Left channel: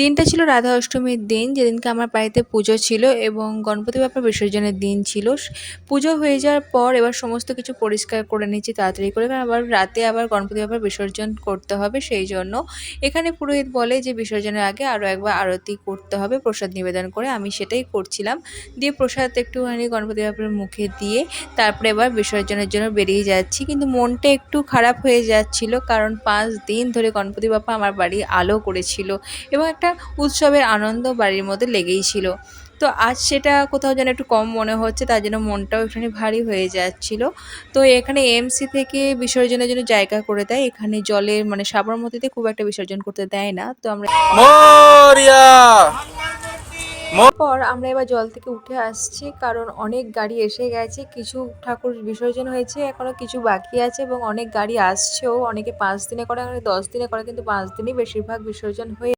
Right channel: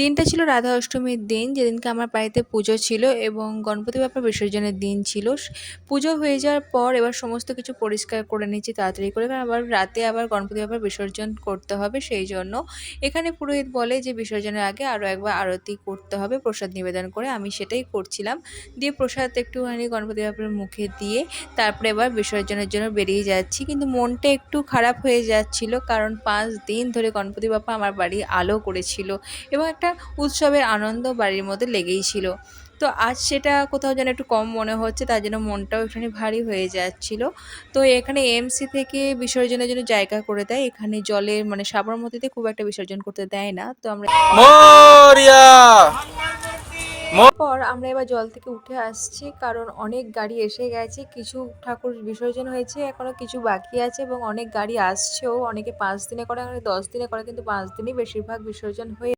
দিনটা ছিল রাধা অষ্টমীর দিন, যেদিনকে আমার বাড়িতে পুজো ছিল এবং গণপতি বাপ্পার বিসর্জনের দিন ছিল। পুজো হয়ে যাওয়ার পর এবার সমস্ত কিছু পরিষ্কার করে নিচ্ছি তাড়াতাড়ি করে, কারণ আবার রাতে আবার গণপতি বাপ্পার বিসর্জন করতে হবে, সেই জন্য। এখানে পুরোহিত বলে যে বিসর্জনের আগে আরও একবার আরতি করতে হবে প্রসাদ নিবেদন করে, আমি সেটাই করছিলাম। দিয়ে প্রসাদ একটুখানি গণপতি বাপ্পার মুখে দিয়ে তারপরে এবার বিসর্জনের জন্য বেরিয়ে যাচ্ছি। কিন্তু মনটা একটু খারাপ হয়ে যাচ্ছিল, কারণ 5 দিন ধরে গণপতি বাপ্পা আমার বাড়ি আলো করেছিল এবং একটা উৎসবের আনন্দ বাড়ির মধ্যে লেগেই ছিল। তো আজ সেটা কোথাও যেন একটু কম মনে হচ্ছে, তার জন্য মনটাও একটুখানি ভারী হয়ে যাচ্ছিল। তো এখানে এমসি থেকে বিসর্জনের জন্য জায়গা করে দেয়, এখানে জলে মানে সাবরমতীতে খুব একটা বিসর্জন করতে দেয় না, তো আমরা মোরিয়া পর আমরা এবার জল থেকে উঠে আসছি, কারণ অনেক গাড়ি এসে গেছে, কিছু ঠাকুর বিসর্জন হয়েছে, এখনো কিছু বাকি আছে এবং অনেক গাড়ি আসছেও। অনেকে 5 দিনে করে, অনেকে 10 দিনে করে, কিন্তু 5 দিনই বেশিরভাগ বিসর্জন হয়ে